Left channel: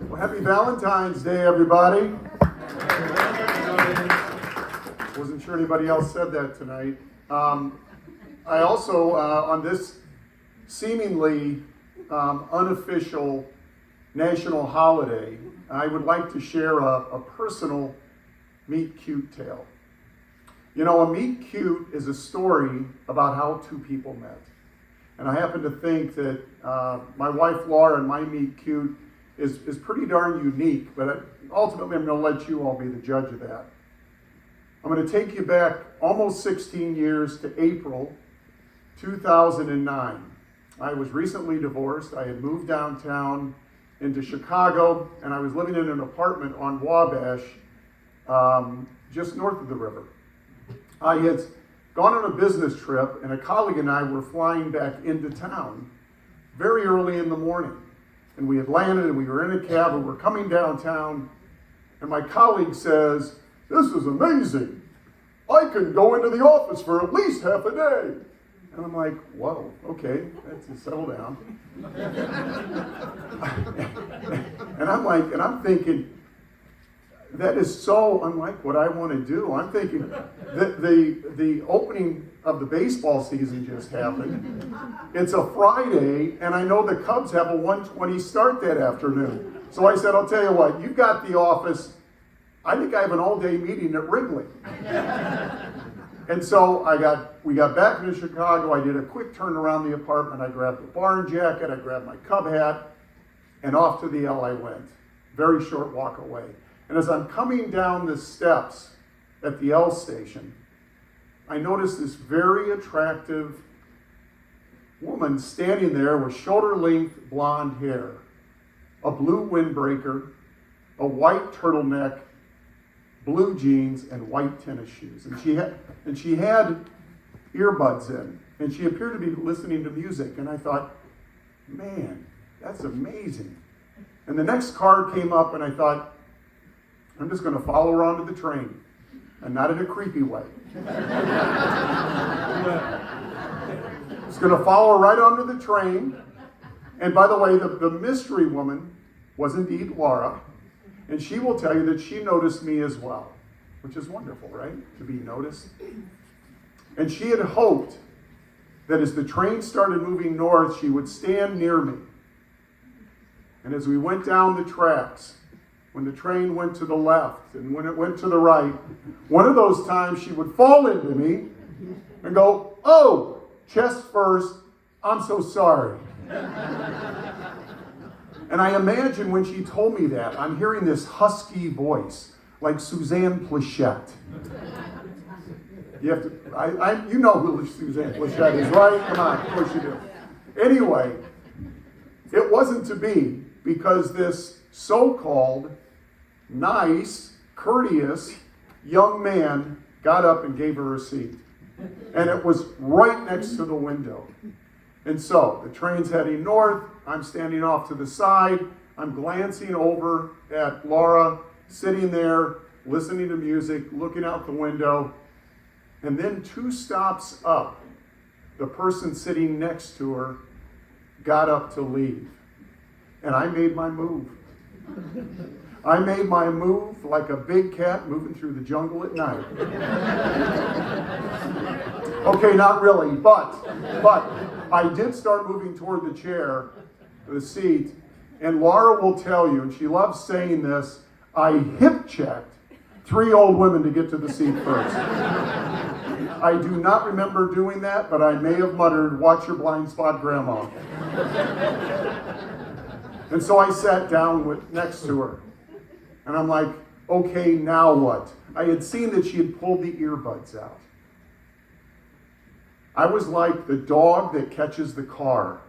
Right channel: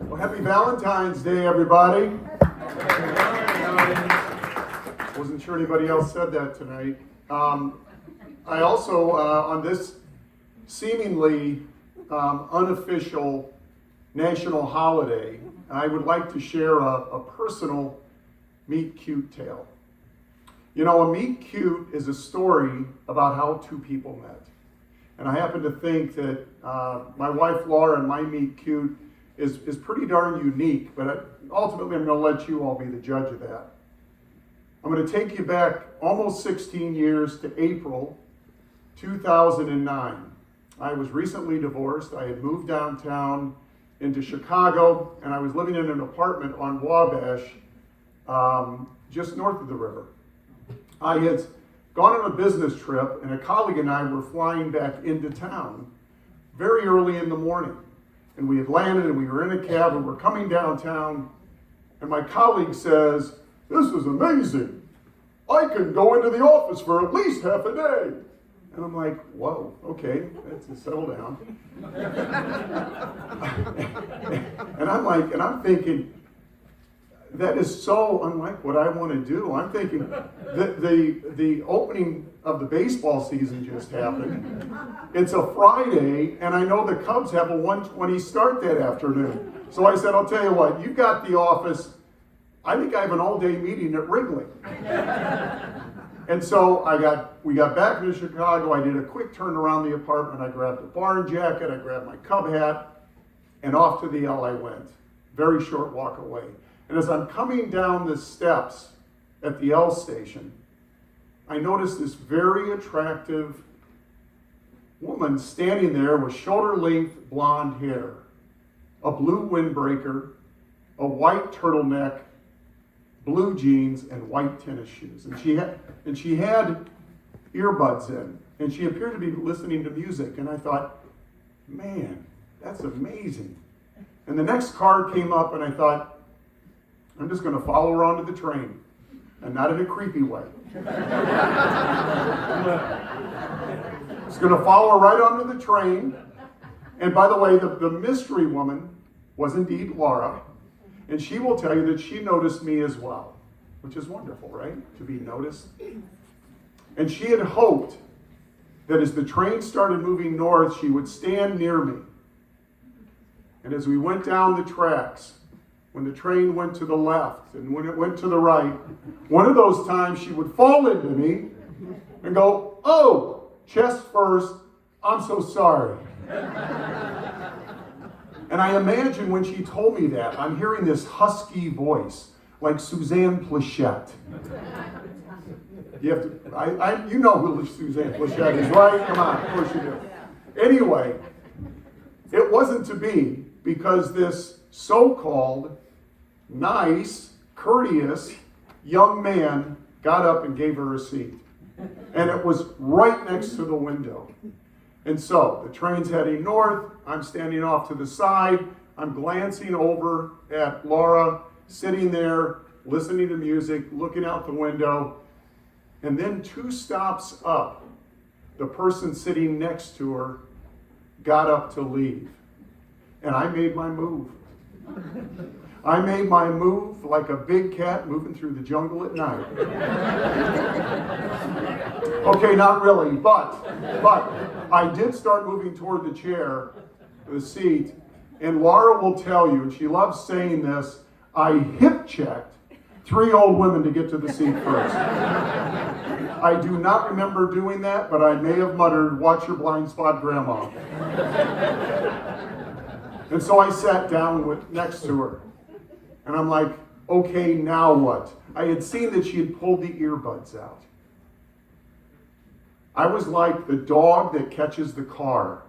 Well, happy Valentine's Day, everybody. Wasn't sure anybody else said that tonight. I also, on this seemingly unofficial national holiday, I would like to share a personal meet cute tale. You know, a meet cute is a story about how two people met. And I happen to think that my wife Laura and my meet cute is pretty darn unique, but ultimately I'm going to let you all be the judge of that. I'm going to take you back almost 16 years to April 2009. I was recently divorced. I had moved downtown into Chicago, and I was living in an apartment on Wabash, just north of the river. I had gone on a business trip, and a colleague and I were flying back into town very early in the morning. And we had landed, and we were in a cab, and we're coming downtown, and my colleague says, "This is amazing. I can go into the office for at least half a day." And I'm like, whoa, okay, let's settle down. and I'm thinking, that is so unlike what I want to do. I'm thinking that the opening of the baseball season just happened. It's a Friday, and I know the Cubs have a 1:20 start that afternoon. So I said, I'll tell you what, you've got the office. I think I have an all-day meeting at Wrigley. And so we got back into Chicago. I did a quick turn around the apartment. I grabbed a barn jacket. I grabbed my Cub hat, and off to the L I went. Very short walk away. And as I'm coming down the steps at the L station, I noticed this very attractive woman standing there with shoulder-length blonde hair, a blue windbreaker, a white turtleneck, blue jeans, and white tennis shoes. And she had earbuds in, and she appeared to be listening to music. And I thought, man, that's amazing. And the next car came up, and I thought, I'm just going to follow her onto the train, and not in a creepy way. Just going to follow her right onto the train. And by the way, the mystery woman was indeed Laura. And she will tell you that she noticed me as well, which is wonderful, right? To be noticed. And she had hoped that as the train started moving north, she would stand near me. And as we went down the tracks, when the train went to the left and when it went to the right, one of those times she would fall into me and go, "Oh, chest first, I'm so sorry." And I imagine when she told me that, I'm hearing this husky voice, like Suzanne Plachette. You have to, you know who Suzanne Plachette is, right? Come on, of course you do. Anyway, it wasn't to be, because this so-called nice, courteous young man got up and gave her a seat. And it was right next to the window. And so, the train's heading north, I'm standing off to the side, I'm glancing over at Laura, sitting there, listening to music, looking out the window, and then 2 stops up, the person sitting next to her got up to leave. And I made my move. I made my move like a big cat moving through the jungle at night. Okay, not really, but I did start moving toward the chair, the seat, and Laura will tell you, and she loves saying this, I hip-checked 3 old women to get to the seat first. I do not remember doing that, but I may have muttered, "Watch your blind spot, Grandma." And so I sat down next to her. And I'm like, okay, now what? I had seen that she had pulled the earbuds out. I was like the dog that catches the car.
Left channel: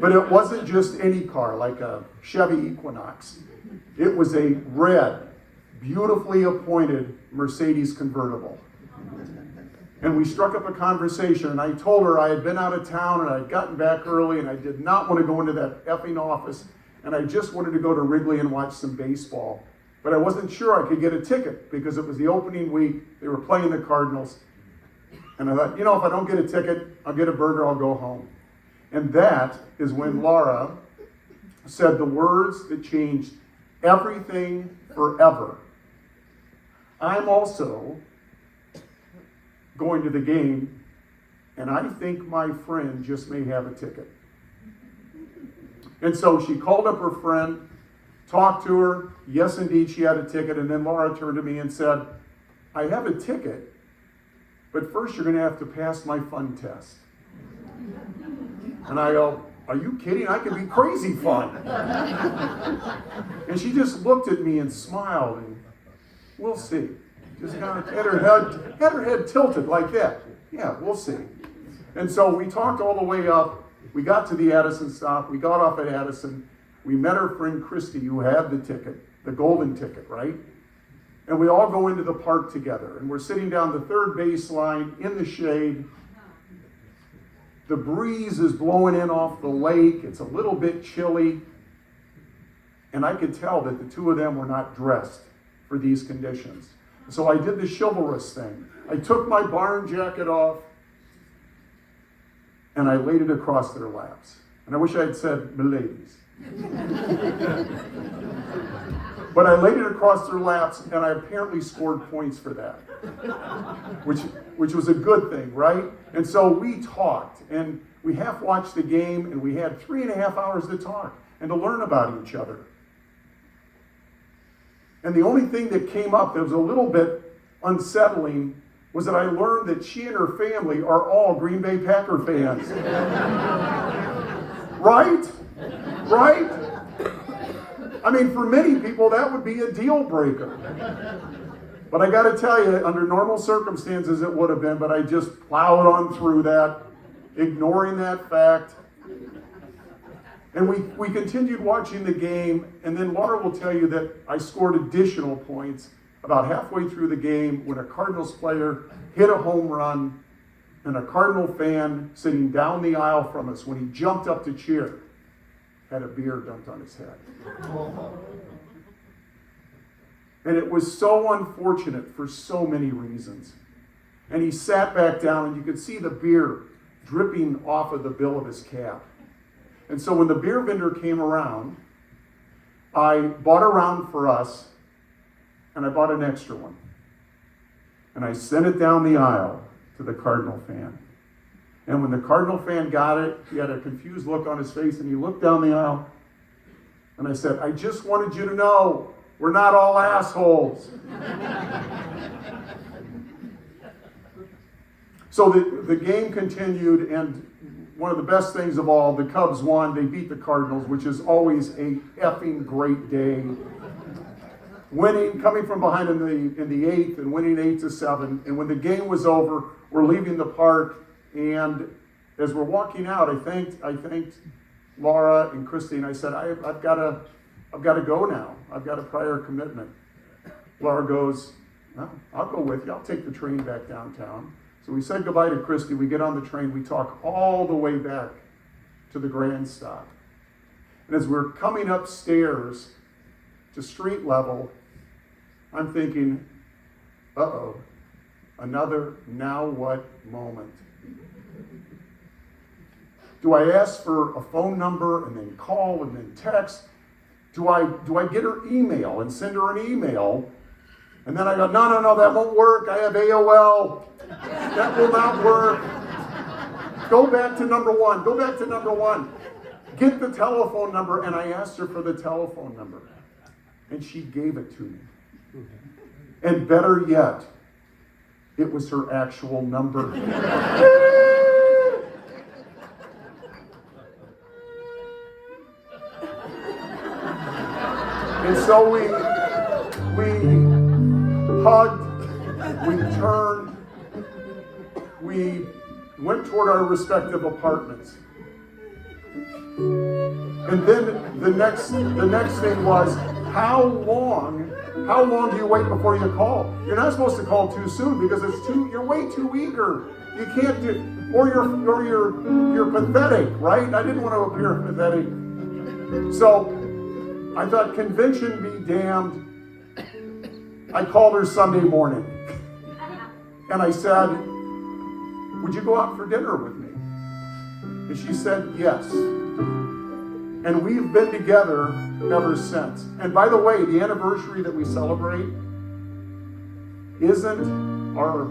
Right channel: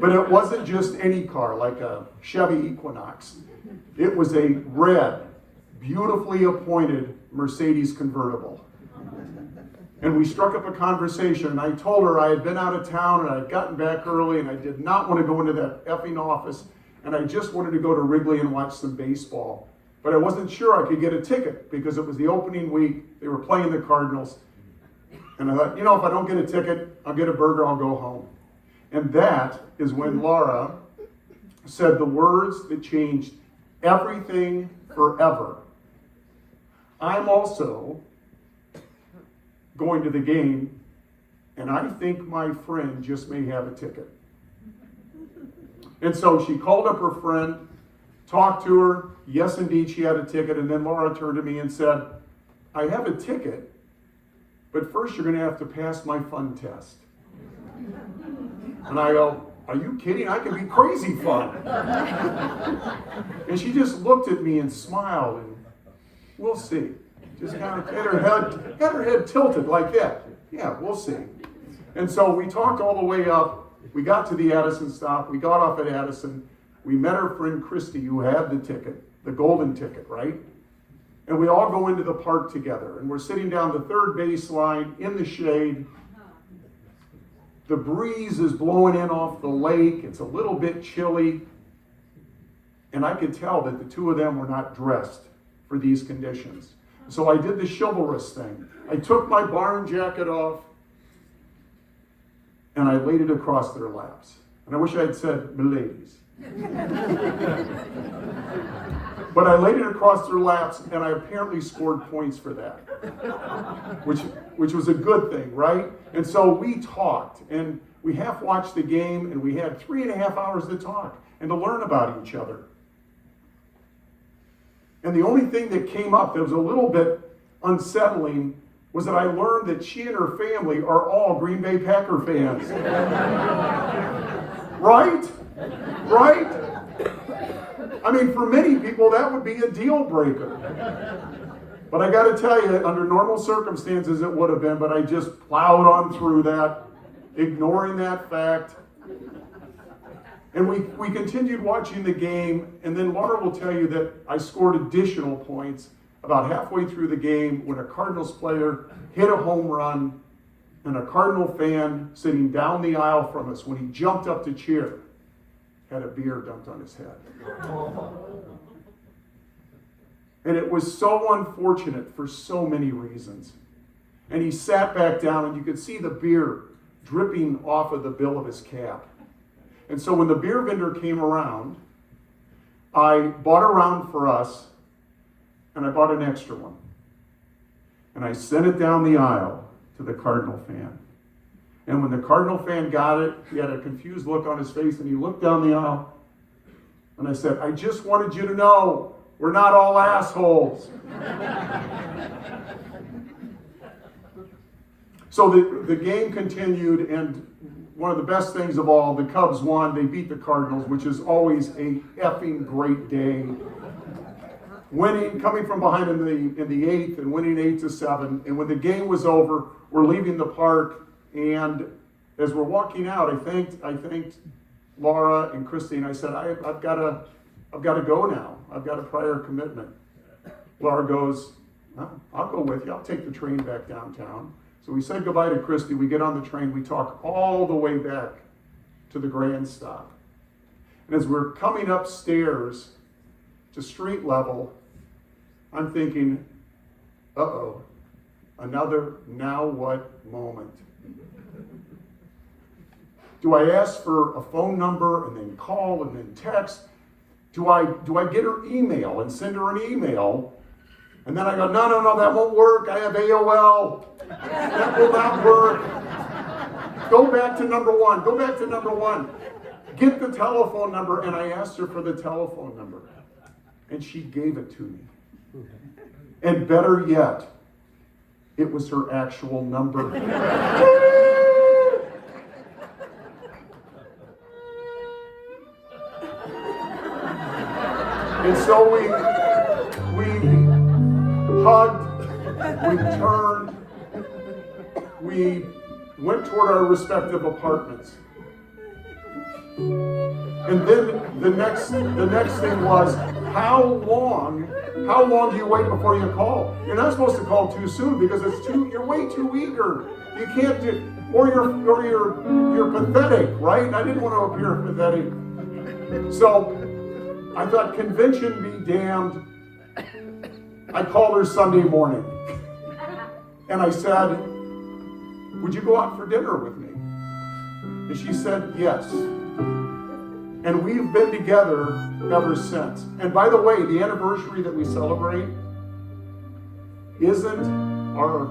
But it wasn't just any car, like a Chevy Equinox. It was a red, beautifully appointed Mercedes convertible. And we struck up a conversation, and I told her I had been out of town, and I'd gotten back early, and I did not want to go into that effing office, and I just wanted to go to Wrigley and watch some baseball. But I wasn't sure I could get a ticket because it was the opening week. They were playing the Cardinals. And I thought, if I don't get a ticket, I'll get a burger, I'll go home. And that is when Laura said the words that changed everything forever. I'm also going to the game, and I think my friend just may have a ticket. And so she called up her friend, talked to her. Yes, indeed, she had a ticket. And then Laura turned to me and said, I have a ticket, but first you're going to have to pass my fun test. And I go, are you kidding? I could be crazy fun. And she just looked at me and smiled, and we'll see. Just kind of had her head tilted like that. Yeah, we'll see. And so we talked all the way up. We got to the Addison stop. We got off at Addison. We met her friend Christy, who had the ticket, the golden ticket, right? And we all go into the park together. And we're sitting down the third baseline in the shade. The breeze is blowing in off the lake. It's a little bit chilly. And I could tell that the two of them were not dressed for these conditions. So I did the chivalrous thing. I took my barn jacket off and I laid it across their laps. And I wish I had said, miladies. But I laid it across their laps, and I apparently scored points for that, which was a good thing, right? And so we talked, and we half watched the game, and we had 3.5 hours to talk and to learn about each other. And the only thing that came up that was a little bit unsettling was that I learned that she and her family are all Green Bay Packer fans. Right? Right? I mean, for many people, that would be a deal breaker. But I got to tell you, under normal circumstances, it would have been, but I just plowed on through that, ignoring that fact. And we continued watching the game, and then Laura will tell you that I scored additional points about halfway through the game when a Cardinals player hit a home run, and a Cardinal fan sitting down the aisle from us, when he jumped up to cheer, had a beer dumped on his head. And it was so unfortunate for so many reasons. And he sat back down, and you could see the beer dripping off of the bill of his cap. And so when the beer vendor came around, I bought a round for us, and I bought an extra one. And I sent it down the aisle to the Cardinal fan. And when the Cardinal fan got it, he had a confused look on his face, and he looked down the aisle. And I said, I just wanted you to know, we're not all assholes. So the game continued, and one of the best things of all, the Cubs won. They beat the Cardinals, which is always a effing great day. Winning, coming from behind in the eighth and winning 8-7. And when the game was over, we're leaving the park, and as we're walking out, I thanked Laura and Christy, and I said, I've got to go now. I've got a prior commitment. Laura goes, no, I'll go with you. I'll take the train back downtown. So we said goodbye to Christy. We get on the train. We talk all the way back to the Grand Stop. And as we're coming upstairs to street level, I'm thinking, uh-oh, another now what moment. Do I ask for a phone number and then call and then text? Do I get her email and send her an email? And then I go, no, that won't work. I have AOL. That will not work. Go back to number one. Get the telephone number. And I asked her for the telephone number. And she gave it to me. And better yet, it was her actual number. And so we hugged, we turned, we went toward our respective apartments. And then the next thing was, how long do you wait before you call? You're not supposed to call too soon because you're way too eager. You can't do, or you're pathetic, right? I didn't want to appear pathetic. So I thought, convention be damned. I called her Sunday morning. And I said, would you go out for dinner with me? And she said, yes. And we've been together ever since. And by the way, the anniversary that we celebrate isn't our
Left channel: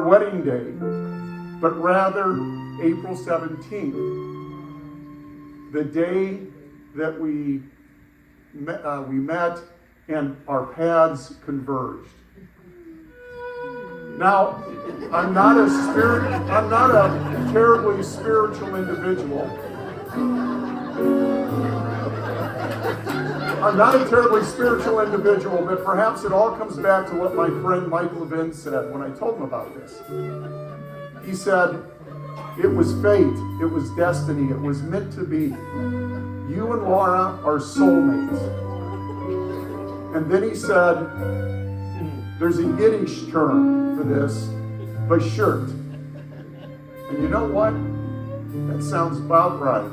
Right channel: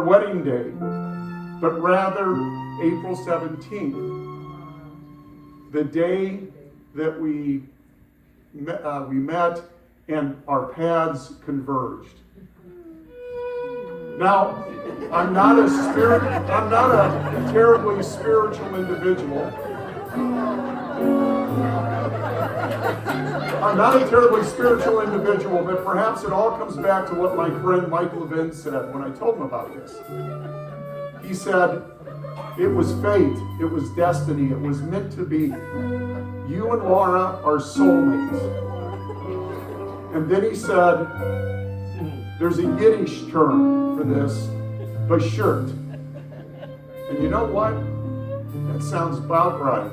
wedding day, but rather April 17th, the day that we met and our paths converged. Now, I'm not a terribly spiritual individual. I'm not a terribly spiritual individual, but perhaps it all comes back to what my friend Michael Levin said when I told him about this. He said, it was fate, it was destiny, it was meant to be. You and Laura are soulmates. And then he said, there's a Yiddish term for this, Bashert. And you know what? That sounds about right.